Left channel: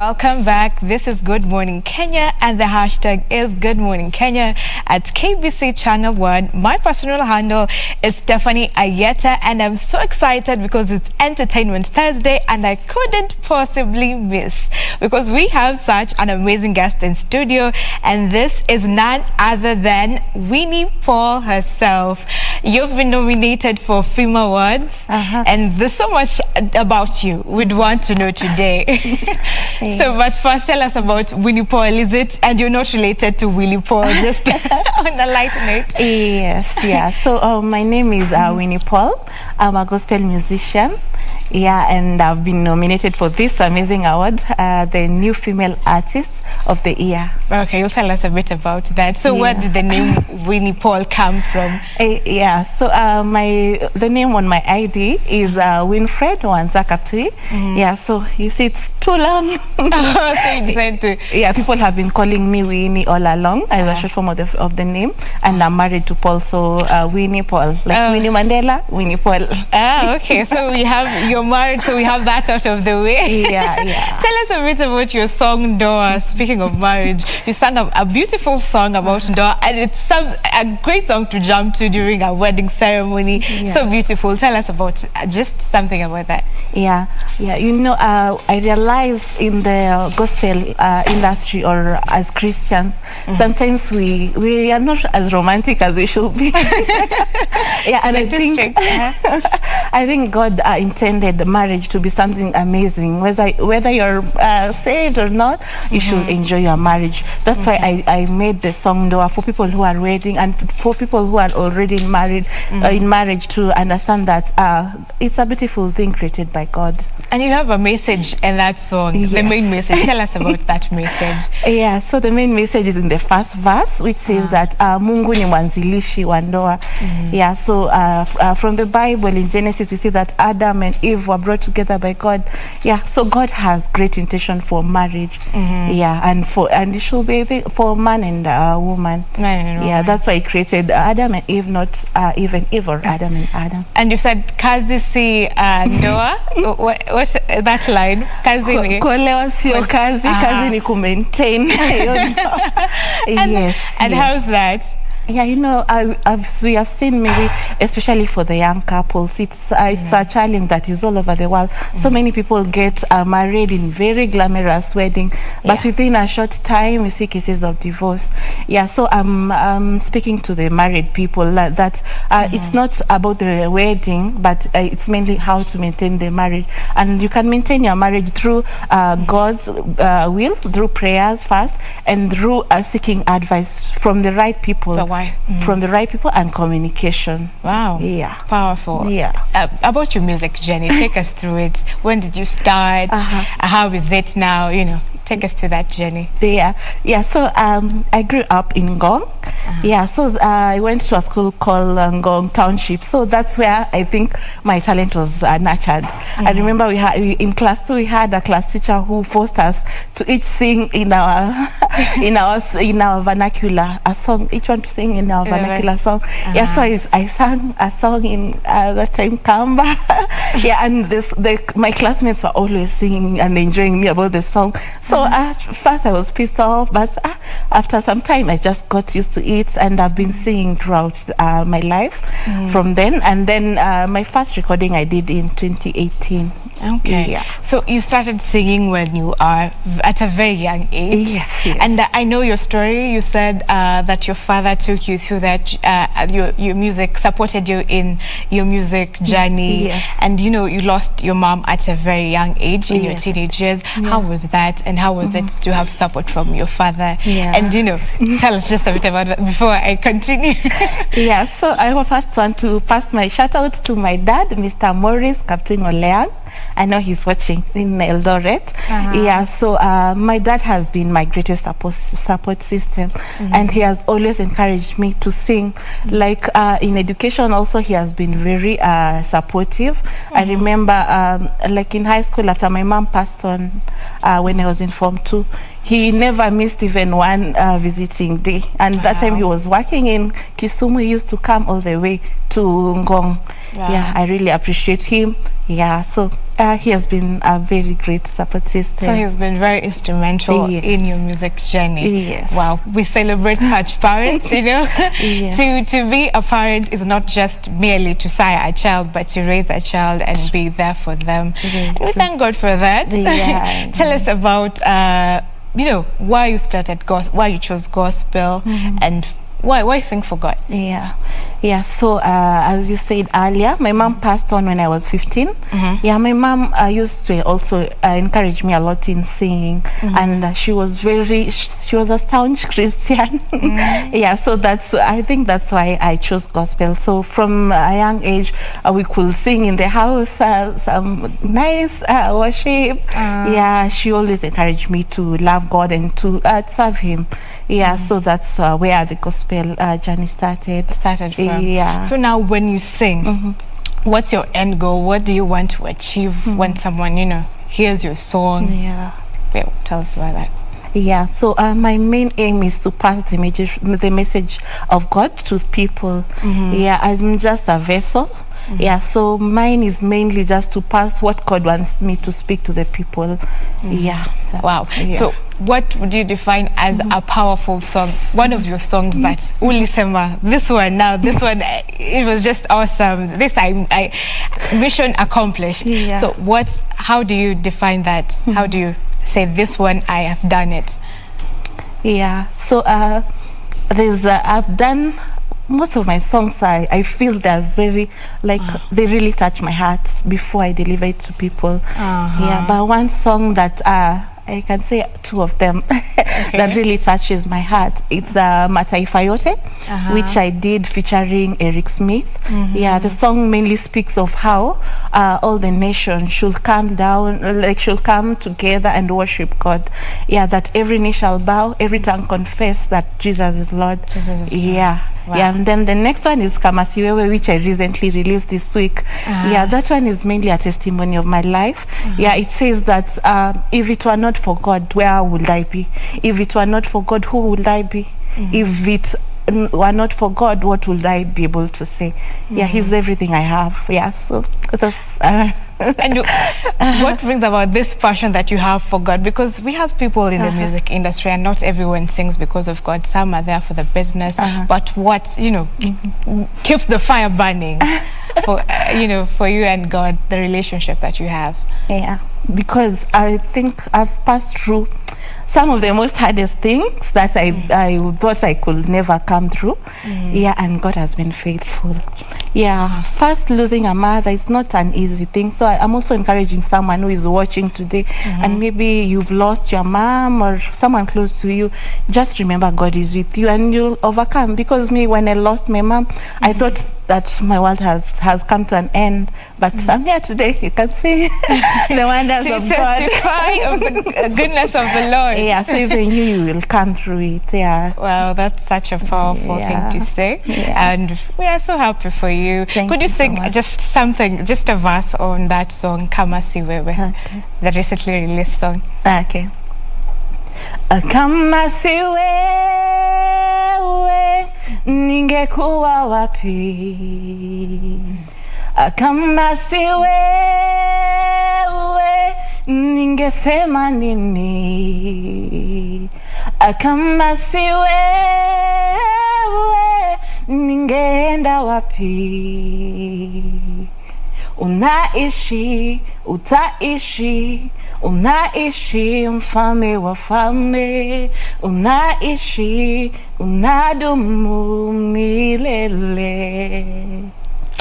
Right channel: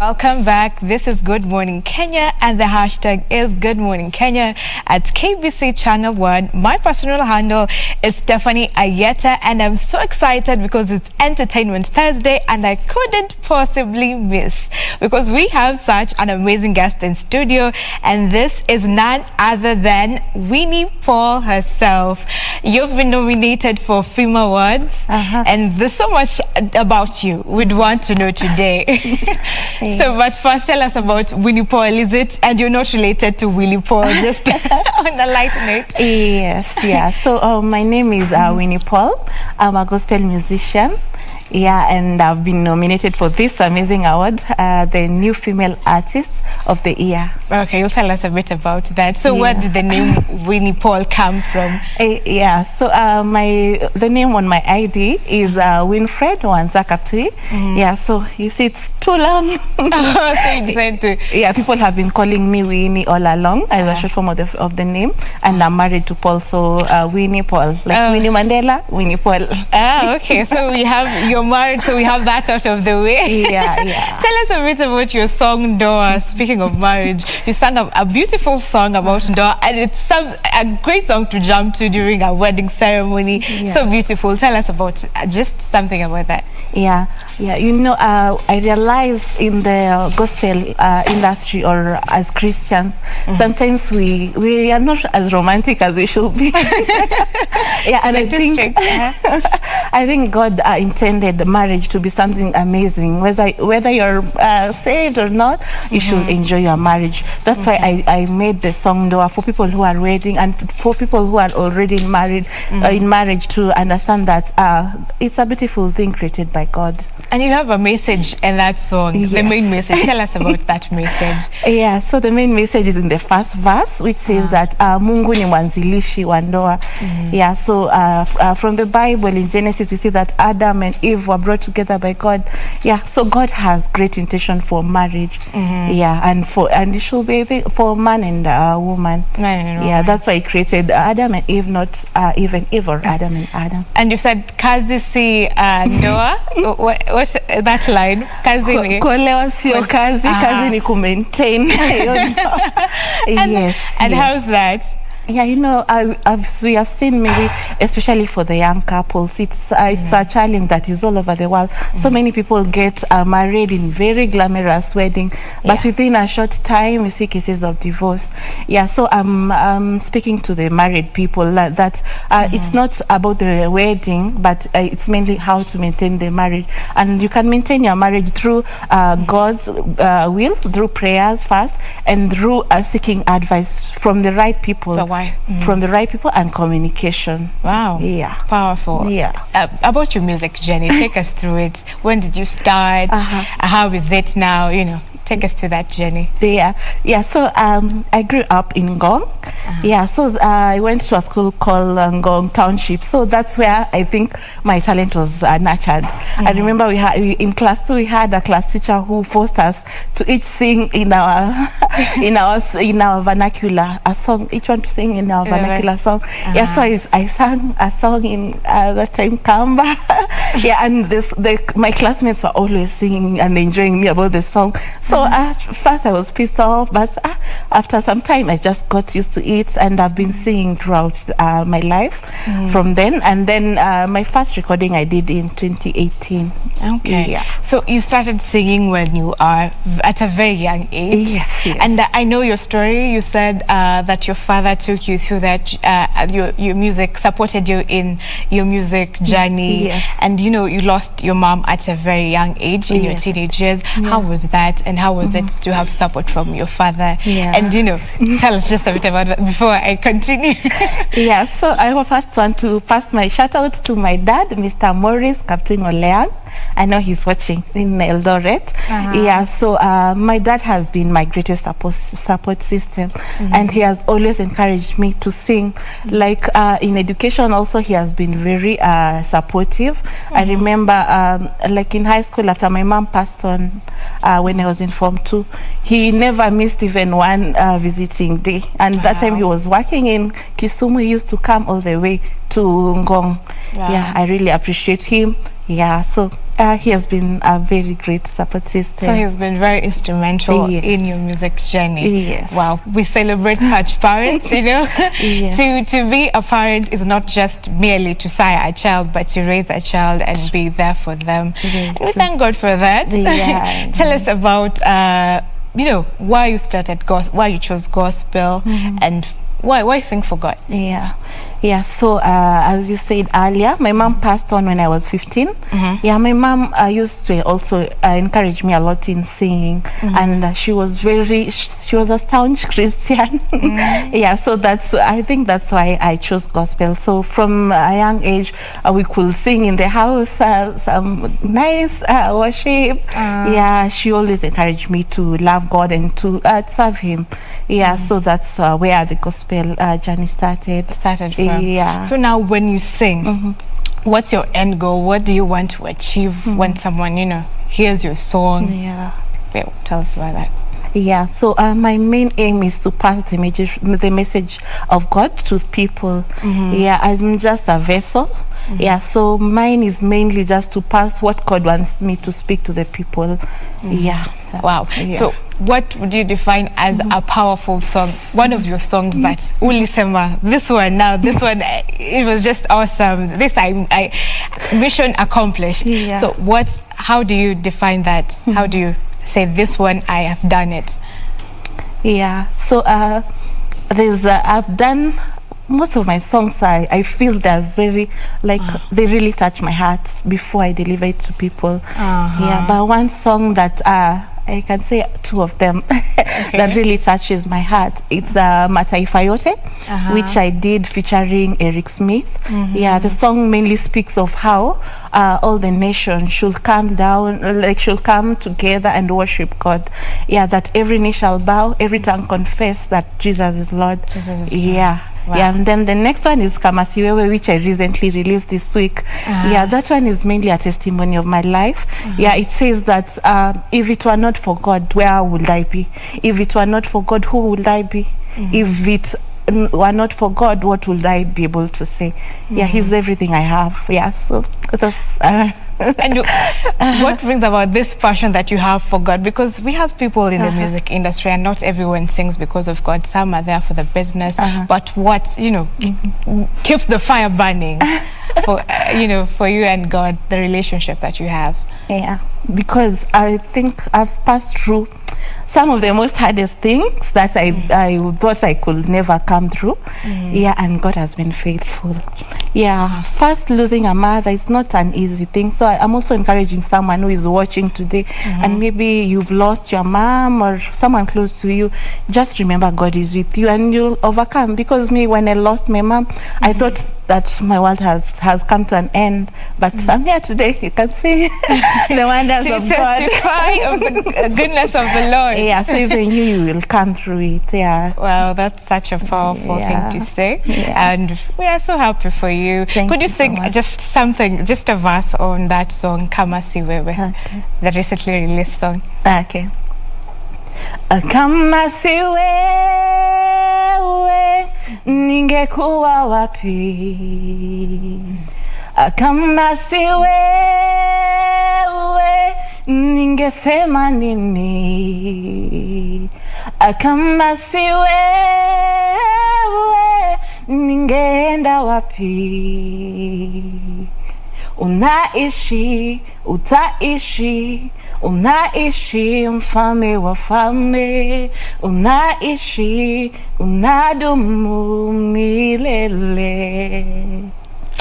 Welcome back. This is Good Morning Kenya, and the hashtag is Good Morning Kenya at KBC Channel 1. My personal handle is Stephanie Ayieta, and I'm so excited because it's Entertainment Thursday, and I couldn't possibly miss because we have such an amazing guest in studio, and this is none other than Winnie Paul herself. You've been nominated for AFRIMA Awards, and there's so much about you we'd want to know today. So, but first, tell us about Winnie Paul. Is it, and you're not related to Winnie Paul, just on a light note? Yes, yeah. So, my name is Winnie Paul. I'm a gospel musician. Yeah, and I've been nominated for this amazing award, the New Female Artist of the Year. Okay, you'll tell us a bit about that. So, where did the name Winnie Paul come from? Yeah, so the name on my ID is Winfred Wanzakaptui. Yeah, so you see, it's too long. So you decided to. Yeah, people have been calling me Winnie all along as a short form of the name, and I'm married to Paul, so Winnie Paul, like Winnie Mandela, Winnie Paul. Okay, so you're married, so we have that out of the way. Yeah. Tell us a bit about your song Ndoa. Speaking of marriage, you sang a beautiful song about Ndoa, and it's a great song to jump to during a wedding ceremony. Yeah. So beautiful. Tell us about just something about that. Yeah. You know, I realized in the gospel industry, or as Christians, sometimes we are not as romantic as we should be. Yeah, and I think God intended marriage to be something amazing. Whether you're saved or not, you should enjoy your marriage. That's why I made the song Ndoa for people who are waiting, and for people who are already married, in marriage, to understand that it's a beautiful thing created by God. And you have a message in that song, the main message. Tell us about that message. Yeah, so the main message is in the first verse, which says that Mungu ni mwanzilishi wa ndoa. Yeah, so from the Bible in Genesis, we see that Adam and Eve were brought together by God. Yeah, so God has great intention for marriage. Yeah, and it should be for man and woman. Yeah, that's why He created Adam and Eve, not even Eve or Adam and Adam. And you said kazi si ndoa. What's that line? Kazi ni kuolewa sio kazi, kazi ni ku-maintain. Yes. And how's that? Yeah, you know, we have seen maybe, especially for the young couples, it's a challenge that is all over the world. So many people get married in very glamorous wedding, but within a short time, we see cases of divorce. Yeah, so I'm speaking to the married people that it's not about the wedding, but it's mainly how to maintain the marriage. And you can maintain your marriage through God's will, through prayers first, and through seeking advice from the right people. From the right people, and communication. Wow. Yeah. Powerful. Yeah. About your music journey, take us through it. When did you start? How is it now? You know, take us through that journey. Yeah. So I grew up in Ngong. Yeah, so I went to a school called Ngong Township. So that's where I think my talent was nurtured. I remember in class 2 we had a class teacher who forced us to each sing in our in our vernacular a song. Each one to sing in our vernacular song. Yeah, so I sang a song in that time Kamba. Yeah, and my classmates were always singing and enjoying me about the song. So at first I was pissed off, but after some time I just got used to it, and I've been singing throughout my life from then. And then my first recording I did in 2018. Okay. Yeah. So you started singing when you are at a very young age. Yes. And I know your story. You said that your father took you through that, your music, supported you in your music journey. Yes. And you know, you lost your mom at a very young age in your teenage years. How was that, and how was it to have support from your father? And you know, tell us just a bit about that before I continue. Yeah, so I first want to pass my shout out to my dad, Mr. Morris Captain Oleang. I know he's watching in Eldoret. Yeah, so my dad has been my greatest support system, and he has always encouraged me to sing. Like in education also, he has been very supportive. I remember like in high school, after my mom passed on when I was in Form 2, he never missed even one visiting day. And that time he was working in Kisumu. He used to come all the way to Ngong. Yeah, I really appreciate him. Yeah, so He has been a very great support system. So he's been very instrumental Yes. in your music journey. Yes. Wow, we celebrate such parents, you know. Yes. To be a parent is not just merely to sire a child, but to raise a child and be there for them. Very And we true. thank God for that. Yeah. Tell us about, you know, why you started gospel, why you chose gospel, and why sing for God? Yeah, so as you said earlier, my mom passed on when I was 15. Yeah, my mom used to also encourage me a lot in singing, and she was a staunch Christian. Yeah, so I think that's why I chose gospel. So from a young age, we could sing in the house, some nice worship. Yeah, she always encouraged me to love God and to serve Him. Yeah, so that's where the gospel journey started. From. Yeah. So now when you sing, what's your end goal? What do you want to achieve when someone, you know, hears your song? Yeah. Tell us about that. Yeah, so my main aim is to pass the message of God to people. Yeah, I'm just a vessel. Yeah, so mine is mainly just to pass what God wants me to speak to the people. Yeah. Wow. Yeah. So what would you define as a powerful song? One of your songs that Ulisema, this one, it was just awesome. This I mission accomplished. Yeah. So how do you define that? How do you say this one, I have done it? Yeah, so I've done most of my songs. I feel they're very they really touch my heart before I deliver it to people. Yeah, but one song that I can say two of them that really touches my heart. It's Mataifa Yote, which I did featuring Eric Smith. Yeah, the song mainly speaks of how all the nations should come down, should come together and worship God. Yeah, that every knee shall bow, every tongue confess that Jesus is Lord. Jesus is Lord. Yeah. Wow. Yeah, and then the next one is Kamasiwewe, which I recently released this week. Yeah, that one is mainly a testimony of my life. Yeah, it says that if it were not for God, where would I be? If it were not for God, who would I be? If it were not for God, what would I be able to say? Yeah, He's everything I have. Yeah, so that's... And what brings about this passion that you have for God? Because we have people in the music industry, and not everyone sings because of God. Some are there for the business. But what, you know, keeps the fire burning for, you know, for you and God, the relationship that you have? Yeah, because I think I've passed through some of the most hardest things that I thought I could never come through. Yeah, and God has been faithful. Yeah, first losing a mother is not an easy thing. So I'm also encouraging someone who is watching today, and maybe you've lost your mom or someone close to you. Just remember God is with you and you'll overcome. Because me, when I lost my mom, I thought that my world has come to an end, but I'm here today. You can see the wonders of God. Testify of the goodness of the Lord. Yeah, so even you will come through it. Yeah. Wow, that's such a powerful thing to say. Yeah. And we are so happy for you. Could you sing just something, just a verse on that song, Kama Siwewe, the recently released song? Okay. Kama siwewe ningekuwa wapi? Kama siwewe ningesema nini? Kama siwewe ningeenda wapi? Unaishi, utaishi, unaishi mfalme wa falme, unaishi, unadumu milele.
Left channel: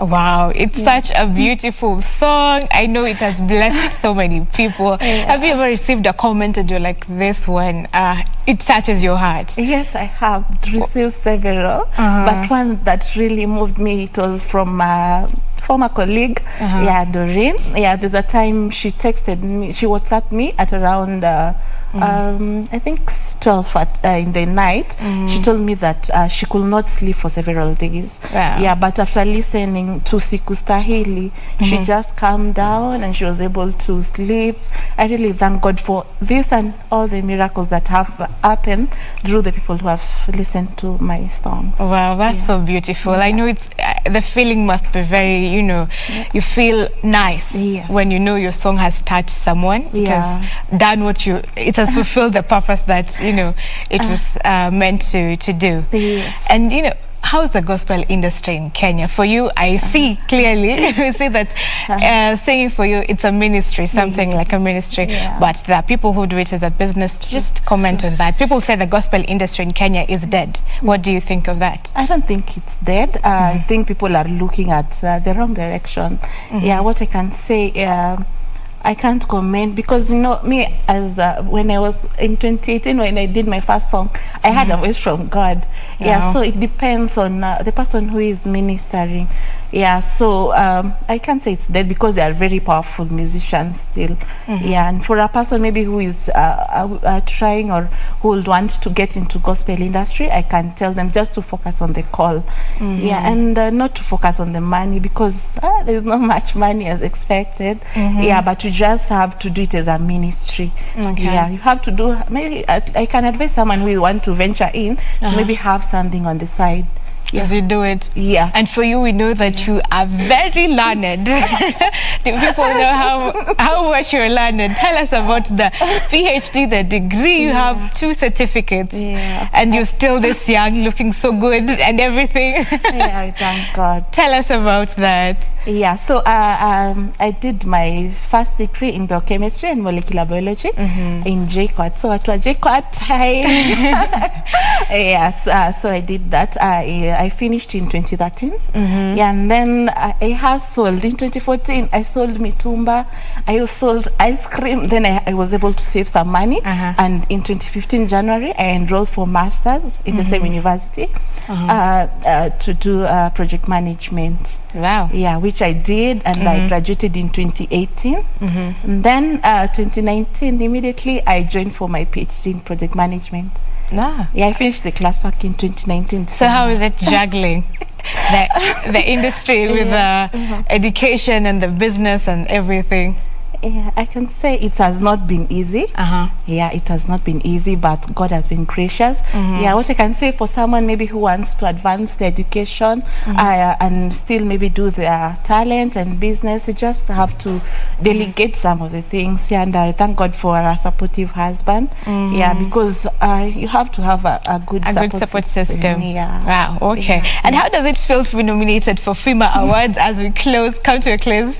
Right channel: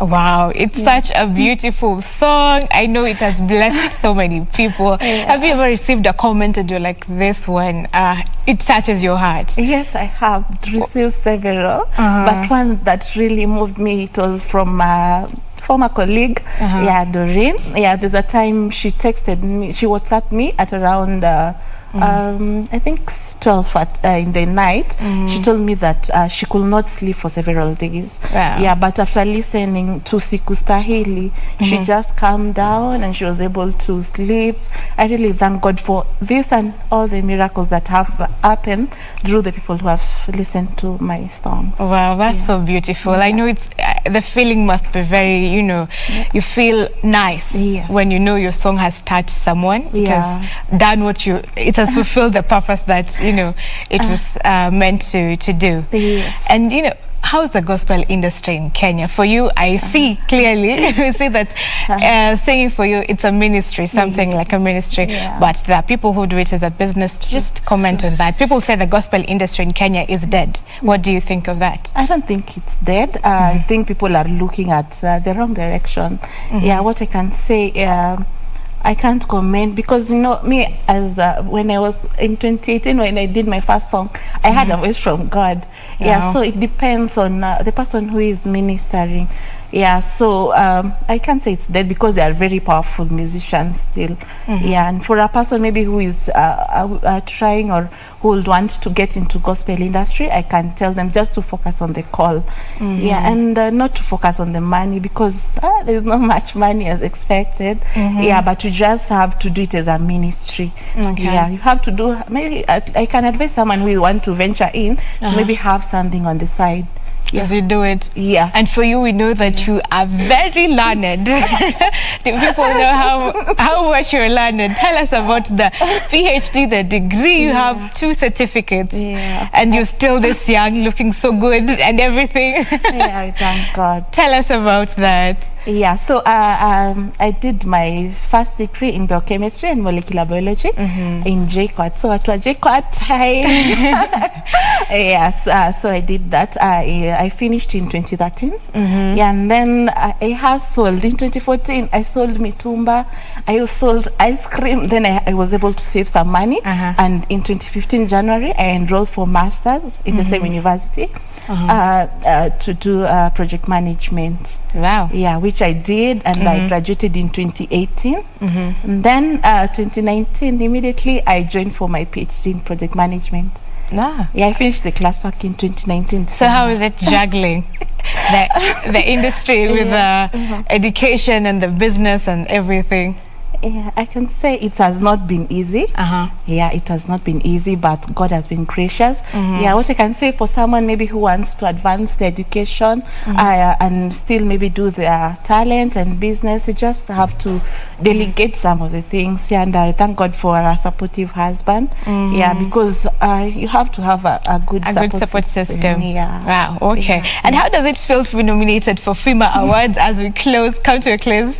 Wow, it's such a beautiful song. I know it has blessed so many people. Have you ever received a comment and you're like, this one, it touches your heart? Yes, I have received several, but one that really moved me, it was from former colleague, yeah, Doreen. Yeah, there's a time she texted me, she WhatsApped me at around I think 12 in the night. She told me that she could not sleep for several days. Wow. Yeah, but after listening to Sikustahili, she just calmed down and she was able to sleep. I really thank God for this and all the miracles that have happened through the people who have listened to my songs. Wow, that's so beautiful. I know it's the feeling must be very, you feel nice when you know your song has touched someone. It has done it has fulfilled the purpose that it was meant to do. Yes. And how's the gospel industry in Kenya? For you, I see clearly, we see that singing for you, it's a ministry, something like a ministry. But there are people who do it as a business. Just comment on that. People say the gospel industry in Kenya is dead. What do you think of that? I don't think it's dead. I think people are looking at the wrong direction. Yeah, what I can say, I can't comment because me as when I was in 2018 when I did my first song, I had a voice from God. Yeah, so it depends on the person who is ministering. Yeah, so I can't say it's dead because they are very powerful musicians still. Yeah, and for a person maybe who is trying or who would want to get into gospel industry, I can tell them just to focus on the call. Yeah, and not to focus on the money because there's not much money as expected. Yeah, but you just have to do it as a ministry. Yeah, you have to do, maybe I can advise someone who want to venture in to maybe have something on the side. As you do it. Yeah. And for you, we know that you are very learned. The people know how much you're learned. Tell us about the PhD, the degree. You have 2 certificates. Yeah. And you're still this young, looking so good and everything. Yeah, thank God. Tell us about that. Yeah, so I did my first degree in biochemistry and molecular biology in JKUAT. So at JKUAT, yes, so I did that. I finished in 2013. Yeah, and then I have sold in 2014. I sold mitumba. I sold ice cream. Then I was able to save some money. And in 2015 January, I enrolled for masters in the same university to do project management. Wow. Yeah, which I did, and I graduated in 2018. And then 2019, immediately I joined for my PhD in project management. Yeah, I finished the classwork in 2019. So how is it juggling the industry with education and the business and everything? Yeah, I can say it has not been easy. Yeah, it has not been easy, but God has been gracious. Yeah, what I can say for someone maybe who wants to advance their education and still maybe do their talent and business, you just have to delegate some of the things. Yeah, and I thank God for a supportive husband. Yeah, because you have to have a good support system. Yeah. Wow. Okay. Yeah. And how does it feel to be nominated for AFRIMA Awards as we come to a close?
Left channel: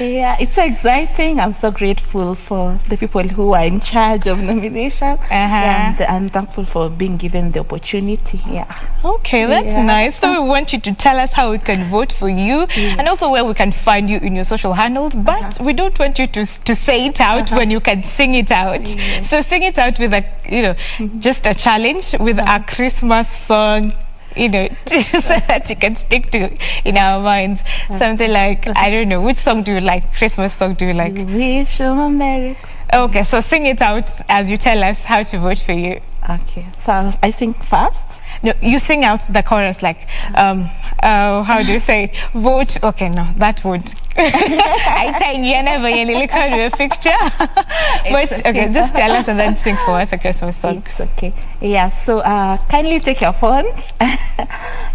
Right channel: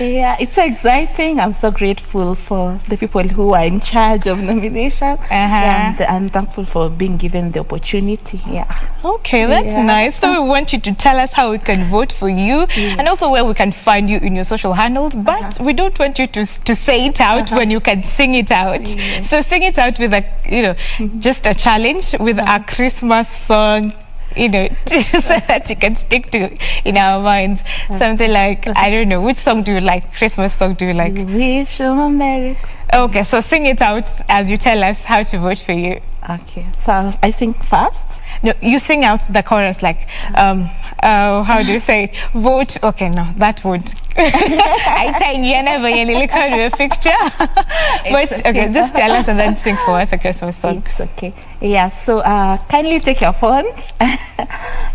Yeah, it's exciting. I'm so grateful for the people who are in charge of nomination, and I'm thankful for being given the opportunity. Yeah. Okay, that's nice. So we want you to tell us how we can vote for you, and also where we can find you in your social handles. But we don't want you to say it out when you can sing it out. So sing it out with just a challenge with a Christmas song. So that you can stick to in our minds. Something like, I don't know, which song do you like? Christmas song do you like? Wish you a Merry. Okay, so sing it out as you tell us how to vote for you. Okay, so I sing fast? No, you sing out the chorus like, how do you say it? Vote, okay, no, that won't. I tiny never look at a picture. But okay, just tell us and then sing for us a Christmas song. It's okay. Yeah, so kindly take your phones.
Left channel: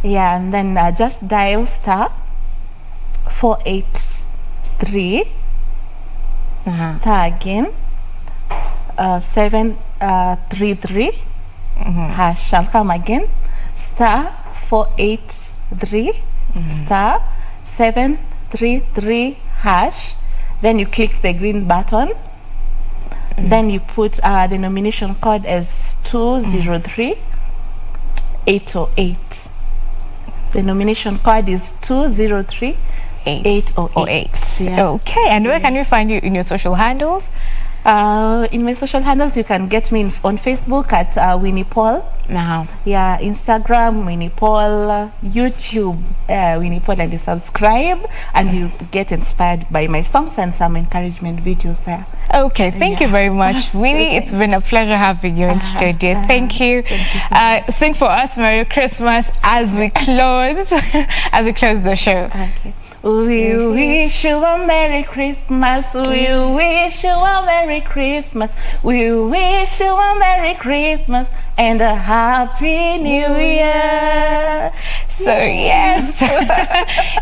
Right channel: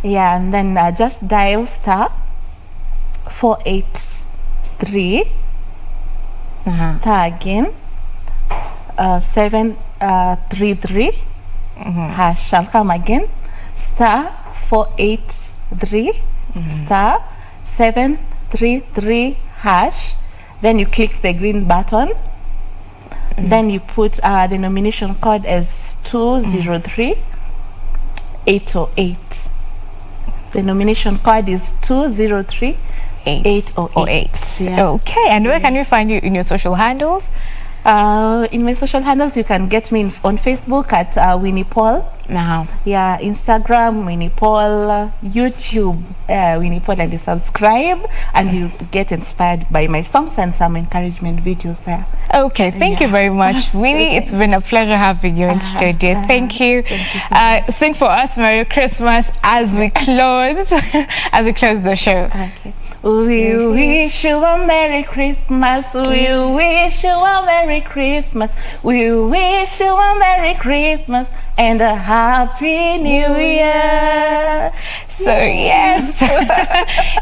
Yeah, and then just dial *483 star again 733 hash shall come again *483 star 733 hash. Then you click the green button. Then you put the nomination code as 203808. The nomination code is 203808. Yeah. Okay, and where can we find you in your social handles? In my social handles, you can get me on Facebook at Winnie Paul. Yeah, Instagram, Winnie Paul, YouTube, Winnie Paul, and you subscribe and you get inspired by my songs and some encouragement videos there. Okay, thank you very much, Winnie. It's been a pleasure having you in studio. Thank you. Thank you so much. Sing for us Merry Christmas as we close the show. Okay. We wish you a Merry Christmas. We wish you a Merry Christmas. We wish you a Merry Christmas and a Happy New Year. So yes,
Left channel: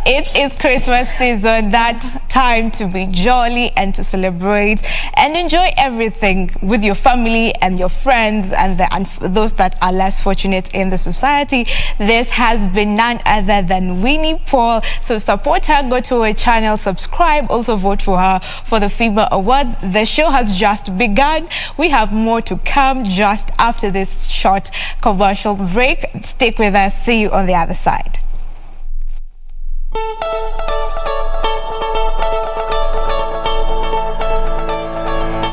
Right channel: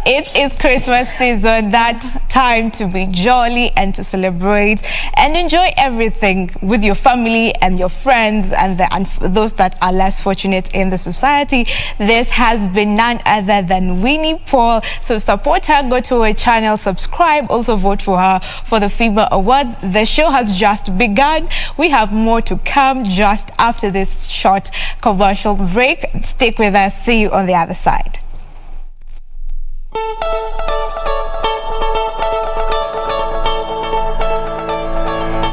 it is Christmas season. That's time to be jolly and to celebrate and enjoy everything with your family and your friends and those that are less fortunate in the society. This has been none other than Winnie Paul. So support her, go to her channel, subscribe, also vote for her for the FIBA Awards. The show has just begun. We have more to come just after this short commercial break. Stick with us. See you on the other side.